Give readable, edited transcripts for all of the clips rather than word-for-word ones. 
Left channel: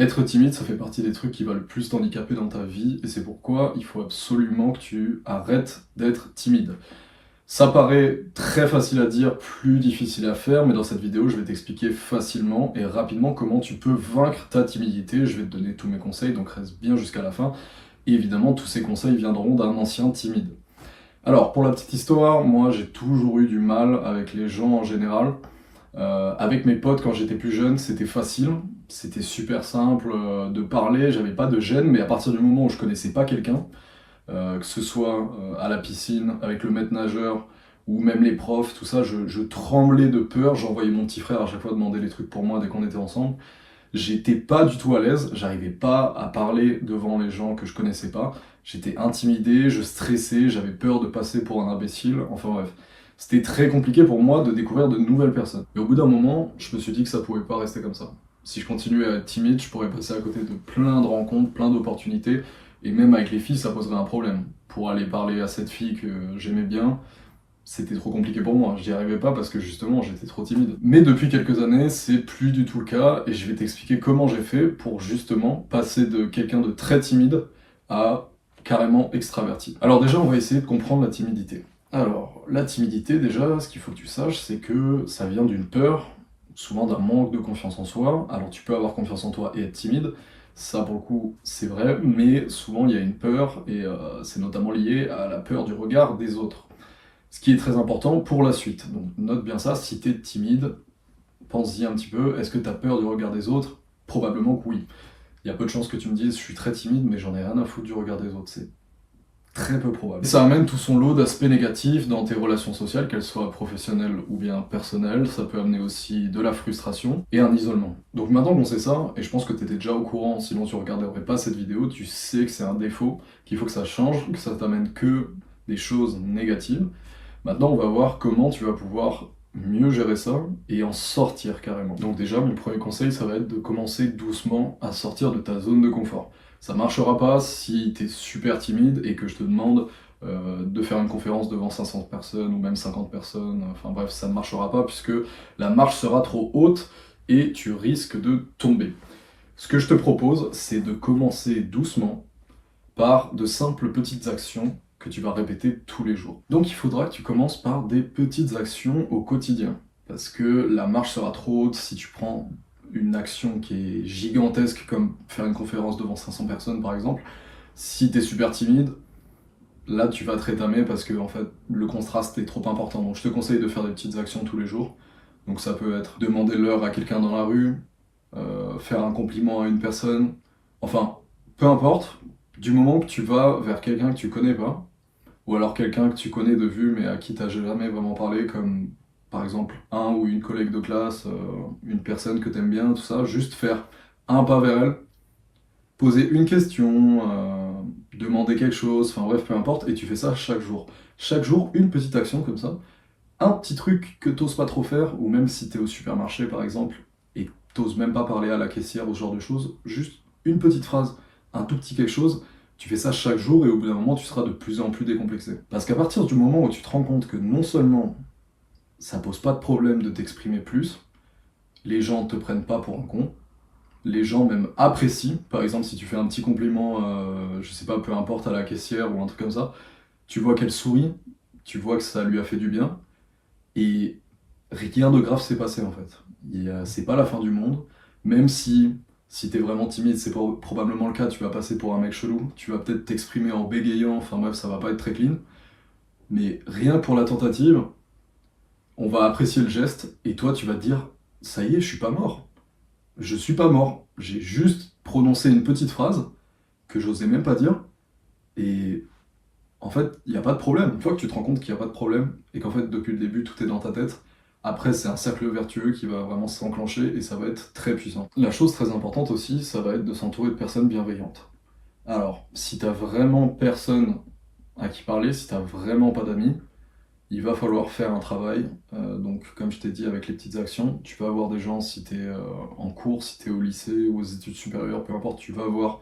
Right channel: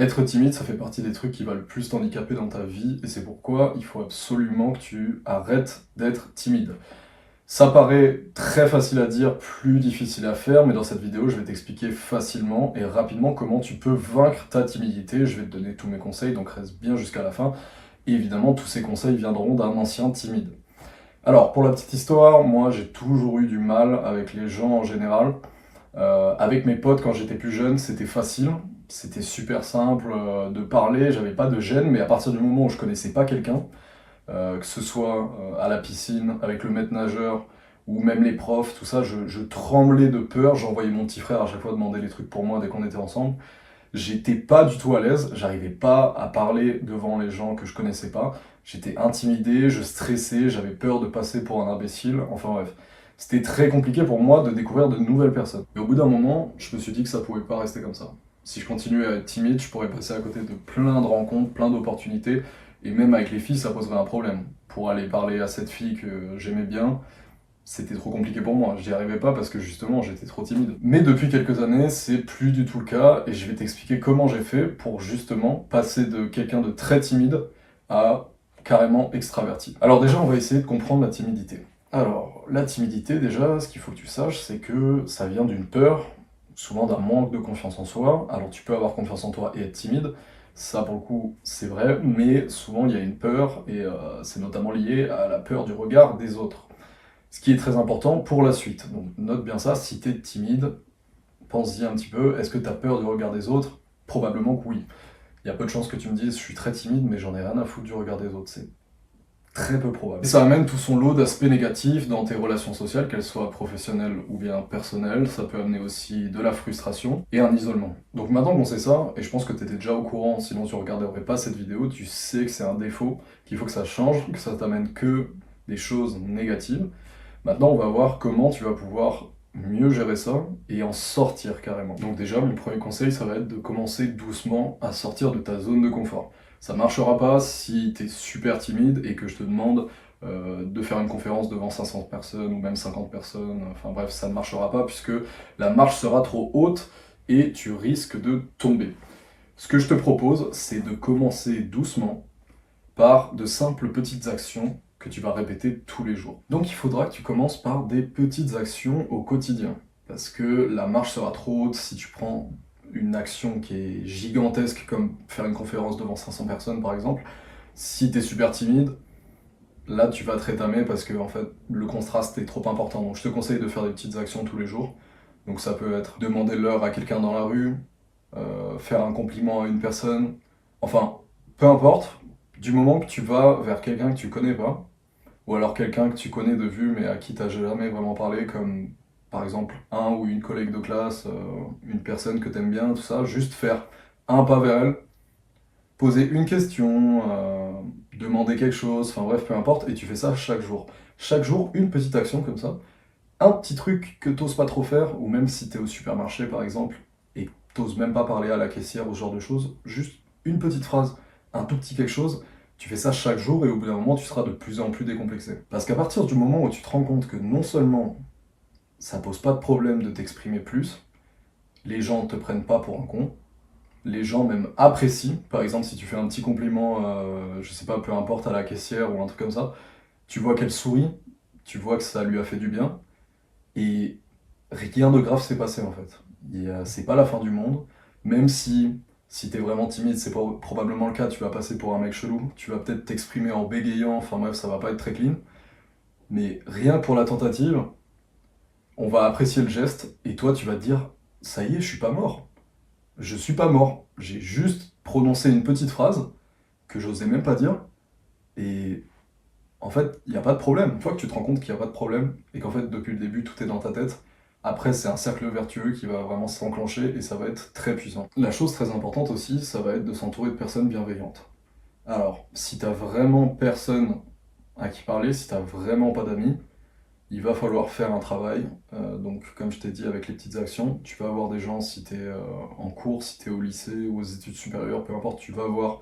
Être timide, ça fait partie des trucs qui va le plus t'handicaper dans ta vie, et c'est pourquoi il faut absolument que tu arrêtes d'être timide. Ça paraît très facile à dire, plus difficile à faire, mais dans cette vidéo, je vais t'expliquer facilement et rapidement comment tu peux vaincre ta timidité. Je vais te donner tous mes conseils, donc reste bien jusqu'à la fin. Et évidemment, tous ces conseils viendront d'un ancien timide. Alors, pour la petite histoire, moi, j'ai toujours eu du mal avec les gens en général. Avec mes potes, quand j'étais plus jeune, c'était facile. C'était super simple de parler, j'avais pas de gêne, mais à partir du moment où je connaissais pas quelqu'un, que ce soit à la piscine, avec le maître nageur, ou même les profs, tout ça, je tremblais de peur. J'envoyais mon petit frère à chaque fois demander les trucs pour moi dès qu'on était ensemble. J'étais pas du tout à l'aise, j'arrivais pas à parler devant les gens que je connaissais pas. J'étais intimidé, je stressais, j'avais peur de passer pour un imbécile, enfin bref. C'était très compliqué pour moi de découvrir de nouvelles personnes. Et au bout d'un moment, je me suis dit que ça pouvait pas rester comme ça. Si je continuais à être timide, je pourrais passer à côté de plein de rencontres, plein d'opportunités, et même avec les filles, ça poserait un problème. Pour aller parler à cette fille que j'aimais bien, c'était trop compliqué pour moi, j'y arrivais pas parce que justement j'étais trop timide. Mais depuis quelques années, c'est plus du tout le cas et je vais t'expliquer comment j'ai fait pour justement passer de quelqu'un de très timide à carrément extraverti. Alors déjà, on va essayer de comprendre la timidité. Alors, la timidité, déjà, ce qu'il faut que tu saches, c'est que ça vient d'une peur, souvent d'un manque de confiance en soi. Alors tu peux avoir confiance en toi et être timide, ça pour le coup c'est vrai, mais souvent il y a une peur et c'est notamment lié à la peur du regard des autres. Ce qui est très important pour la suite. Donc note bien ça, si tu es timide, pense-y un petit peu, est-ce que tu as peur du regard des autres? Probablement que oui. Il y a peu de chances que tu me dises, je suis très timide, mais j'en ai rien à foutre du regard des autres. C'est très peu probable. Ça amène tout son lot d'aspects négatifs dans tes relations sociales, qu'elles soient professionnelles ou bien personnelles. Ça peut amener aussi de la frustration et un isolement. Donc maintenant qu'on sait ça, et je pense que tu étais déjà au courant, sinon tu regarderais pas cette vidéo, tu sais que c'est un défaut, qu'il faut que ça change, que ça t'amène que des choses négatives. Maintenant, on va voir comment tu vas pouvoir mieux gérer ça et en sortir carrément. Donc déjà, mon premier conseil, ça va être de commencer doucement à sortir de ta zone de confort. Ça marchera pas si tu es super timide et que je te demande de faire une conférence devant 500 personnes ou même 50 personnes. Enfin bref, ça ne marchera pas puisque la marche sera trop haute et tu risques de tomber. Ce que je te propose, c'est de commencer doucement par de simples petites actions que tu vas répéter tous les jours. Donc il faudra que tu commences par des petites actions au quotidien. Parce que la marche sera trop haute si tu prends une action qui est gigantesque, comme faire une conférence devant 500 personnes par exemple. Si tu es super timide, là tu vas te rétamer parce que en fait, le contraste est trop important. Donc je te conseille de faire des petites actions tous les jours. Donc ça peut être demander l'heure à quelqu'un dans la rue, faire un compliment à une personne, enfin, peu importe, du moment que tu vas vers quelqu'un que tu connais pas, ou alors quelqu'un que tu connais de vue mais à qui tu n'as jamais vraiment parlé, comme par exemple un ou une collègue de classe, une personne que tu aimes bien, tout ça, juste faire un pas vers elle, poser une question, demander quelque chose, enfin bref, peu importe, et tu fais ça chaque jour. Chaque jour, une petite action comme ça, un petit truc que t'oses pas trop faire, ou même si tu es au supermarché par exemple, et que t'oses même pas parler à la caissière ou ce genre de choses, juste une petite phrase, un tout petit quelque chose, tu fais ça chaque jour et au bout d'un moment tu seras de plus en plus décomplexé. Parce qu'à partir du moment où tu te rends compte que non seulement ça pose pas de problème de t'exprimer plus, les gens te prennent pas pour un con, les gens même apprécient, par exemple si tu fais un petit compliment, je sais pas, peu importe à la caissière ou un truc comme ça, tu vois qu'elle sourit, tu vois que ça lui a fait du bien, et rien de grave s'est passé en fait. C'est pas la fin du monde, même si t'es vraiment timide, c'est probablement le cas, tu vas passer pour un mec chelou, tu vas peut-être t'exprimer en bégayant, enfin bref, ça va pas être très clean, mais rien que pour la tentative, on va apprécier le geste, et toi tu vas te dire, ça y est, je suis pas mort. Je suis pas mort, j'ai juste prononcé une petite phrase que j'osais même pas dire, et en fait, il n'y a pas de problème. Une fois que tu te rends compte qu'il n'y a pas de problème et qu'en fait, depuis le début, tout est dans ta tête, après, c'est un cercle vertueux qui va vraiment s'enclencher et ça va être très puissant. La chose très importante aussi, ça va être de s'entourer de personnes bienveillantes. Alors, si t'as vraiment personne à qui parler, si t'as vraiment pas d'amis, il va falloir faire un travail. Donc, comme je t'ai dit, avec les petites actions, tu vas avoir des gens, si t'es en cours, si t'es au lycée ou aux études supérieures, peu importe, tu vas avoir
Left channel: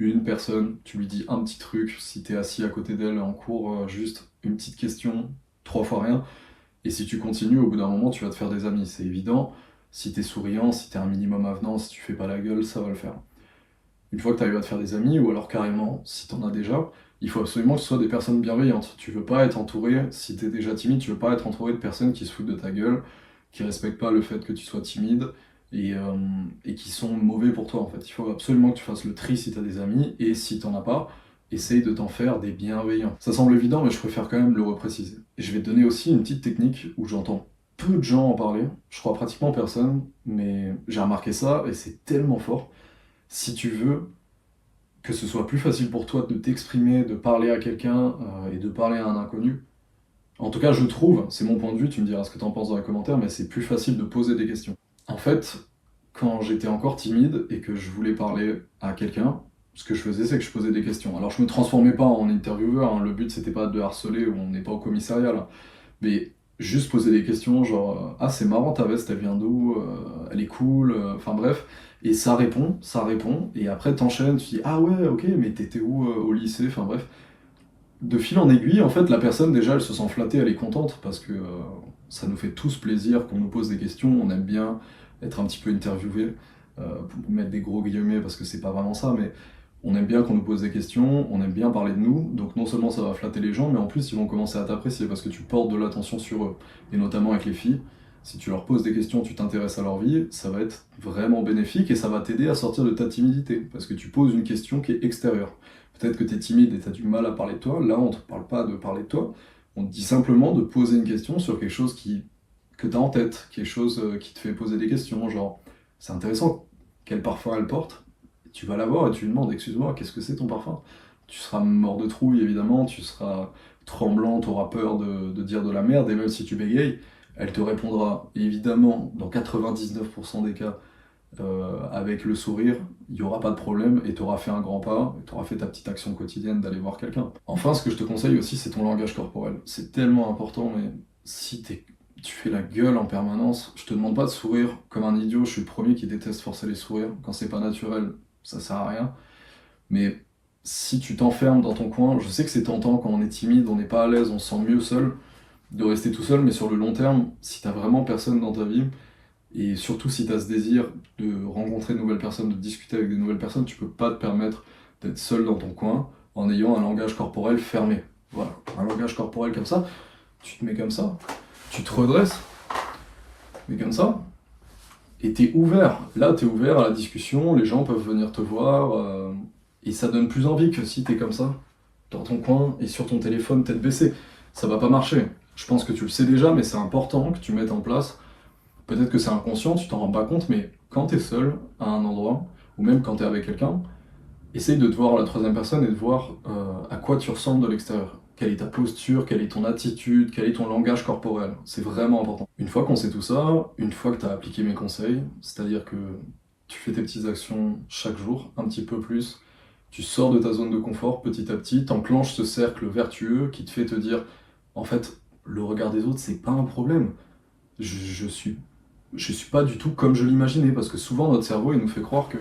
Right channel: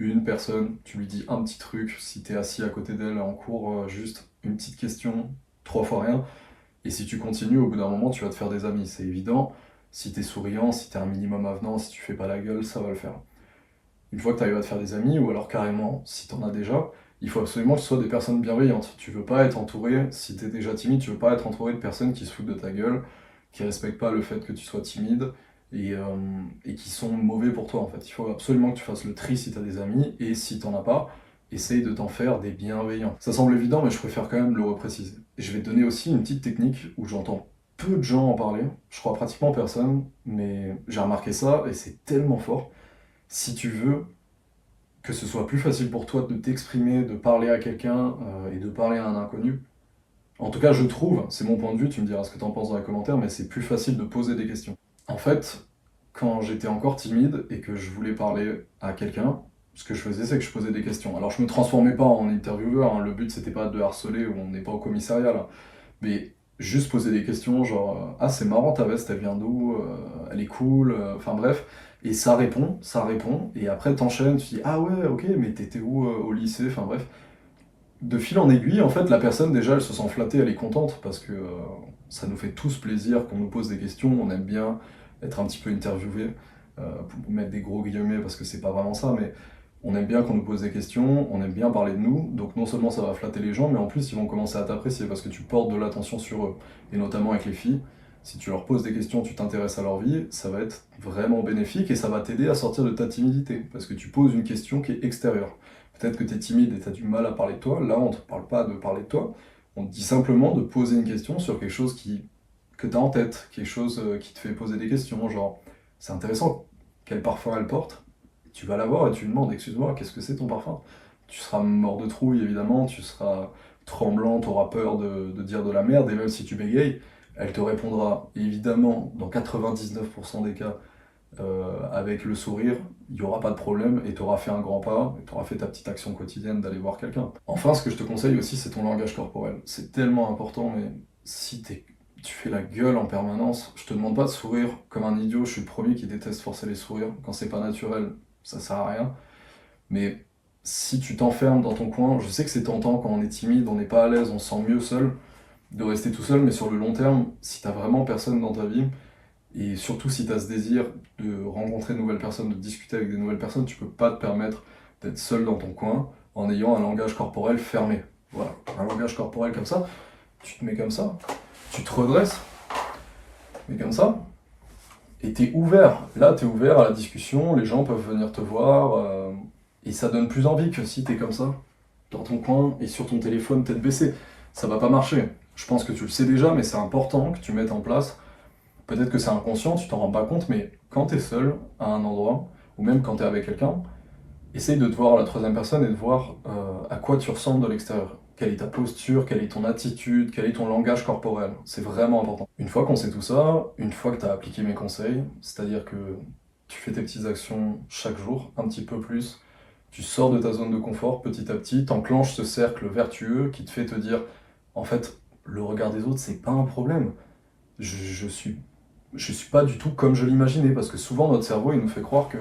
une personne, tu lui dis un petit truc, si t'es assis à côté d'elle en cours, juste une petite question, trois fois rien, et si tu continues, au bout d'un moment, tu vas te faire des amis, c'est évident. Si t'es souriant, si t'es un minimum avenant, si tu fais pas la gueule, ça va le faire. une fois que tu arrives à te faire des amis, ou alors carrément, si tu en as déjà, il faut absolument que ce soit des personnes bienveillantes. Tu veux pas être entouré, si tu es déjà timide, tu veux pas être entouré de personnes qui se foutent de ta gueule, qui respectent pas le fait que tu sois timide, et, euh, et qui sont mauvais pour toi en fait. Il faut absolument que tu fasses le tri si tu as des amis, et si tu n'en as pas, essaye de t'en faire des bienveillants. Ça semble évident, mais je préfère quand même le repréciser. Et je vais te donner aussi une petite technique où j'entends peu de gens en parler, je crois pratiquement personne, mais j'ai remarqué ça, et c'est tellement fort. Si tu veux que ce soit plus facile pour toi de t'exprimer, de parler à quelqu'un et de parler à un inconnu, en tout cas je trouve, c'est mon point de vue, tu me diras ce que tu en penses dans les commentaires, mais c'est plus facile de poser des questions. En fait, quand j'étais encore timide et que je voulais parler à quelqu'un, ce que je faisais, c'est que je posais des questions. Alors je me transformais pas en intervieweur, hein, le but c'était pas de harceler, on n'est pas au commissariat là, mais juste poser des questions genre ah c'est marrant ta veste, elle vient d'où, elle est cool, enfin bref, et ça répond, et après t'enchaînes, tu dis ah ouais ok mais t'étais où au lycée, enfin bref. De fil en aiguille, en fait la personne déjà elle se sent flattée, elle est contente parce que ça nous fait tous plaisir qu'on nous pose des questions, on aime bien être un petit peu interviewé, pour mettre des gros guillemets parce que c'est pas vraiment ça, mais on aime bien qu'on nous pose des questions, on aime bien parler de nous, donc non seulement ça va flatter les gens, mais en plus ils vont commencer à t'apprécier parce que tu portes de l'attention sur eux, et notamment avec les filles. Si tu leur poses des questions, tu t'intéresses à leur vie, ça va être vraiment bénéfique et ça va t'aider à sortir de ta timidité parce que tu poses une question qui est extérieure. Peut-être que tu es timide et tu as du mal à parler de toi, là on ne te parle pas de parler de toi, on te dit simplement de poser une question sur quelque chose que tu as en tête, quelque chose qui te fait poser des questions, genre c'est intéressant, quel parfum elle porte, tu vas la voir et tu lui demandes, excuse-moi, qu'est-ce que c'est ton parfum? Tu seras mort de trouille, évidemment, tu seras tremblant, tu auras peur de dire de la merde, et même si tu bégayes, elle te répondra, évidemment, dans 99% des cas, avec le sourire, il n'y aura pas de problème, et tu auras fait un grand pas, tu auras fait ta petite action quotidienne d'aller voir quelqu'un. Enfin, ce que je te conseille aussi, c'est ton langage corporel. C'est tellement important, mais si tu fais la gueule en permanence, je te demande pas de sourire comme un idiot, je suis le premier qui déteste forcer les sourires, quand c'est pas naturel, ça sert à rien. Mais si tu t'enfermes dans ton coin, je sais que c'est tentant quand on est timide, on n'est pas à l'aise, on se sent mieux seul, de rester tout seul, mais sur le long terme, si t'as vraiment personne dans ta vie, et surtout si t'as ce désir de rencontrer de nouvelles personnes, de discuter avec des nouvelles personnes, tu peux pas te permettre d'être seul dans ton coin en ayant un langage corporel fermé. Voilà, un langage corporel comme ça, tu te mets comme ça, tu te redresses, mais comme ça, et t'es ouvert. Là, t'es ouvert à la discussion, les gens peuvent venir te voir, et ça donne plus envie que si t'es comme ça, dans ton coin, et sur ton téléphone, tête baissée. Ça va pas marcher. Je pense que tu le sais déjà, mais c'est important que tu mettes en place. Peut-être que c'est inconscient, tu t'en rends pas compte, mais quand t'es seul à un endroit, ou même quand t'es avec quelqu'un, essaye de te voir à la troisième personne et de voir à quoi tu ressembles de l'extérieur. Quelle est ta posture, quelle est ton attitude, quel est ton langage corporel. C'est vraiment important. Une fois qu'on sait tout ça, une fois que tu as appliqué mes conseils, c'est-à-dire que tu fais tes petites actions chaque jour, un petit peu plus, tu sors de ta zone de confort petit à petit, t'enclenches ce cercle vertueux qui te fait te dire, en fait, le regard des autres, c'est pas un problème. Je suis pas du tout comme je l'imaginais, parce que souvent notre cerveau, il nous fait croire que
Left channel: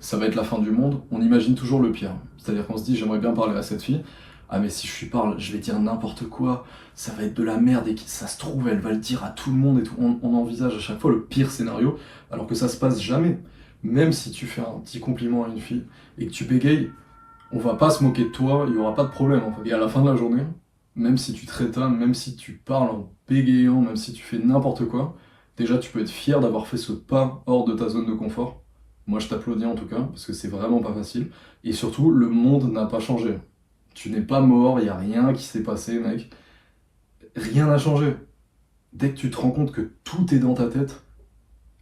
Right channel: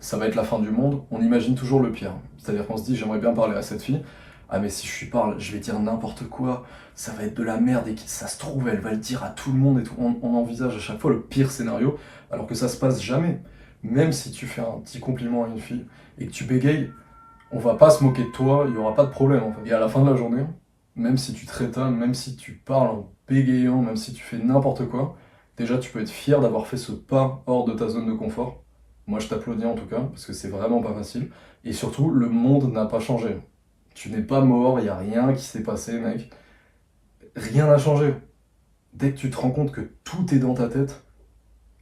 ça va être la fin du monde, on imagine toujours le pire. C'est-à-dire qu'on se dit, j'aimerais bien parler à cette fille, ah mais si je lui parle, je vais dire n'importe quoi, ça va être de la merde et que ça se trouve, elle va le dire à tout le monde et tout. On envisage à chaque fois le pire scénario, alors que ça se passe jamais. Même si tu fais un petit compliment à une fille et que tu bégayes, on va pas se moquer de toi, il n'y aura pas de problème en fait. Et à la fin de la journée, même si tu te rétames, même si tu parles en bégayant, même si tu fais n'importe quoi, déjà tu peux être fier d'avoir fait ce pas hors de ta zone de confort. Moi je t'applaudis en tout cas, parce que c'est vraiment pas facile. Et surtout, le monde n'a pas changé. Tu n'es pas mort, il n'y a rien qui s'est passé, mec. Rien n'a changé. Dès que tu te rends compte que tout est dans ta tête,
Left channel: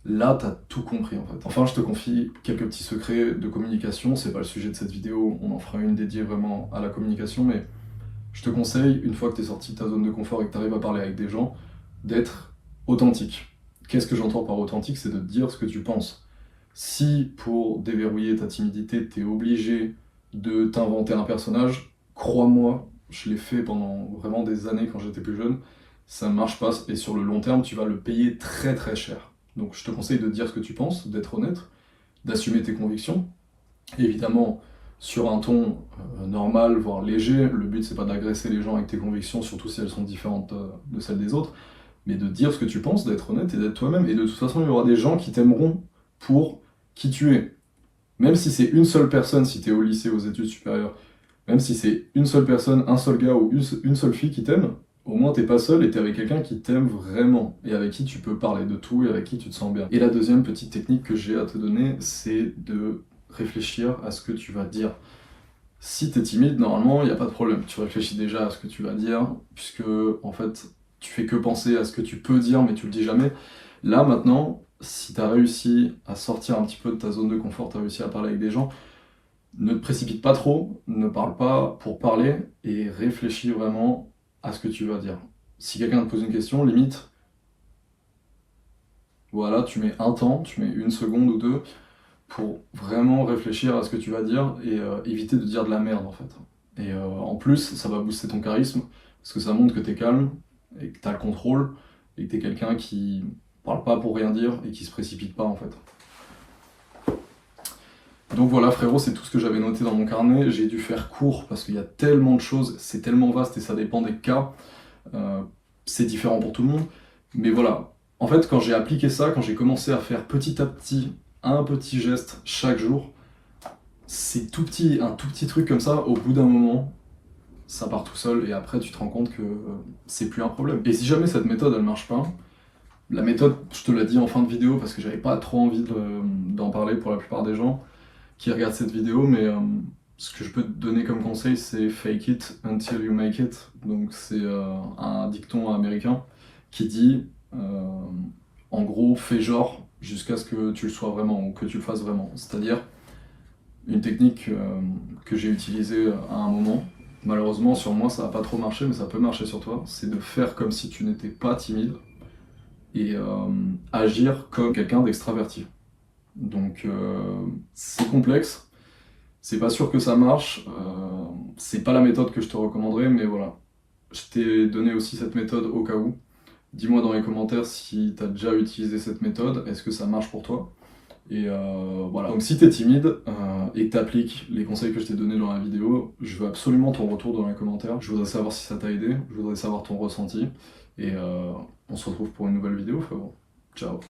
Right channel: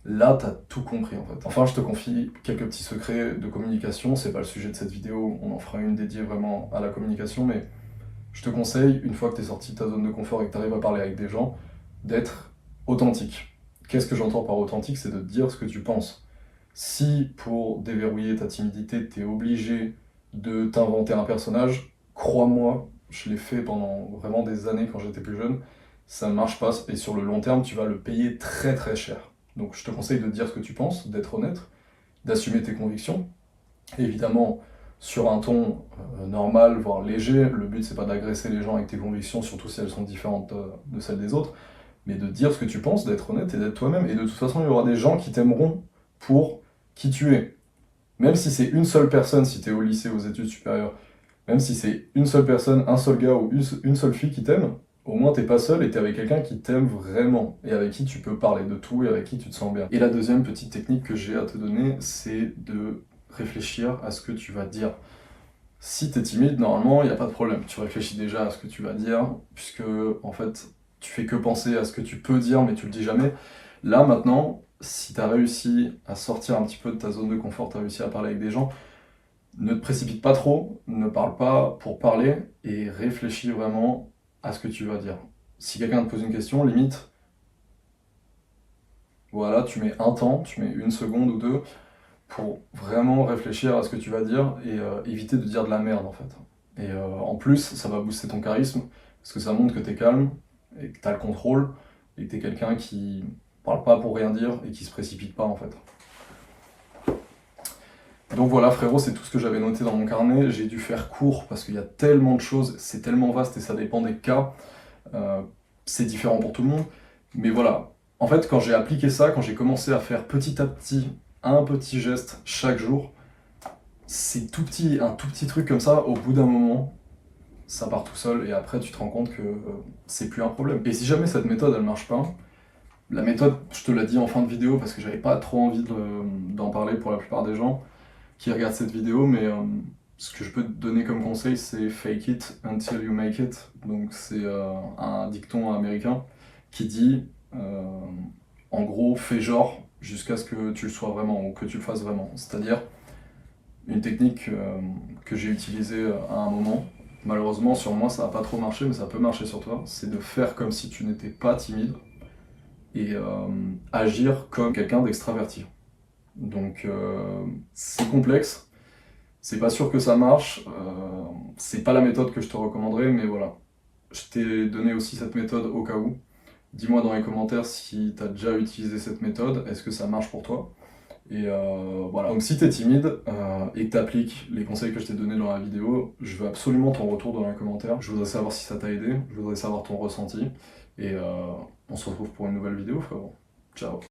là, t'as tout compris en fait. Enfin, je te confie quelques petits secrets de communication. C'est pas le sujet de cette vidéo, on en fera une dédiée vraiment à la communication, mais je te conseille, une fois que tu es sorti de ta zone de confort et que tu arrives à parler avec des gens, d'être authentique. Qu'est-ce que j'entends par authentique? C'est de dire ce que tu penses. Si pour déverrouiller ta timidité, tu es obligé de t'inventer un personnage, crois-moi, je l'ai fait pendant vraiment des années quand j'étais plus jeune, ça ne marche pas et sur le long terme, tu vas le payer très très cher. Donc je te conseille de dire ce que tu penses, d'être honnête, d'assumer tes convictions. Et évidemment, sur un ton normal, voire léger, le but c'est pas d'agresser les gens avec tes convictions, surtout si elles sont différentes de celles des autres, mais de dire ce que tu penses, d'être honnête et d'être toi-même. Et de toute façon, il y aura des gens qui t'aimeront pour qui tu es. Même si c'est une seule personne, si tu es au lycée, aux études supérieures, même si c'est une seule personne, un seul gars ou une seule fille qui t'aime, au moins t'es pas seul et t'es avec quelqu'un qui t'aime vraiment et avec qui tu peux parler de tout et avec qui tu te sens bien. Et la deuxième petite technique que j'ai à te donner, c'est de réfléchir à ce que tu vas dire. Si t'es timide, normalement, il n'y a pas de problème. Tu réfléchis déjà à ce que tu vas dire, puisque en fait, tu fais que penser à ce que tu peux dire, mais tu le dis jamais. Là, maintenant, si tu as réussi à sortir un petit peu de ta zone de confort, tu as réussi à parler avec des gens, ne te précipite pas trop, ne parle pas pour parler, et réfléchis vraiment à ce que tu vas dire. Si quelqu'un te pose une question, limite, voilà, tu mets un temps, tu mets une seconde ou deux, pour vraiment réfléchir à ce que tu vas dire et éviter de dire de la merde en fait. Et en plus, ça va booster ton charisme parce que ça montre que tu es calme et que tu as le contrôle et que tu es quelqu'un qui parle pas pour rien dire et qui se précipite pas en fait. Donc voilà frérot, c'est tout ce que j'avais noté dans mon carnet. J'ai dû faire court parce qu'il y a tellement de choses, c'est tellement vaste et ça dépend des cas. Euh, c'est différent pour tout le monde. Mais voilà, en fait quand j'ai appliqué ça, quand j'ai commencé à faire petit à petit un petit geste chaque jour, c'est tout petit, un tout petit truc comme ça, au bout d'un moment, ça part tout seul et après tu te rends compte que c'est plus un problème. Et si jamais cette méthode elle marche pas, la méthode, je te l'ai dit en fin de vidéo parce que j'avais pas trop envie d'en parler pour la plupart des gens qui regardent cette vidéo, mais ce que je peux te donner comme conseil c'est fake it until you make it. Donc c'est un dicton américain qui dit en gros fais genre jusqu'à ce que tu le sois vraiment ou que tu le fasses vraiment. C'est-à-dire une technique que j'ai utilisée à un moment. Malheureusement, sur moi, ça n'a pas trop marché, mais ça peut marcher sur toi. C'est de faire comme si tu n'étais pas timide et agir comme quelqu'un d'extraverti. Donc, c'est complexe. C'est pas sûr que ça marche. C'est pas la méthode que je te recommanderais, mais voilà. Je t'ai donné aussi cette méthode au cas où. Dis-moi dans les commentaires si tu as déjà utilisé cette méthode. Est-ce que ça marche pour toi ? Et voilà. Donc si tu es timide et que tu appliques les conseils que je t'ai donnés dans la vidéo, je veux absolument ton retour dans les commentaires. Je voudrais savoir si ça t'a aidé, je voudrais savoir ton ressenti. Et on se retrouve pour une nouvelle vidéo, frérot. Ciao.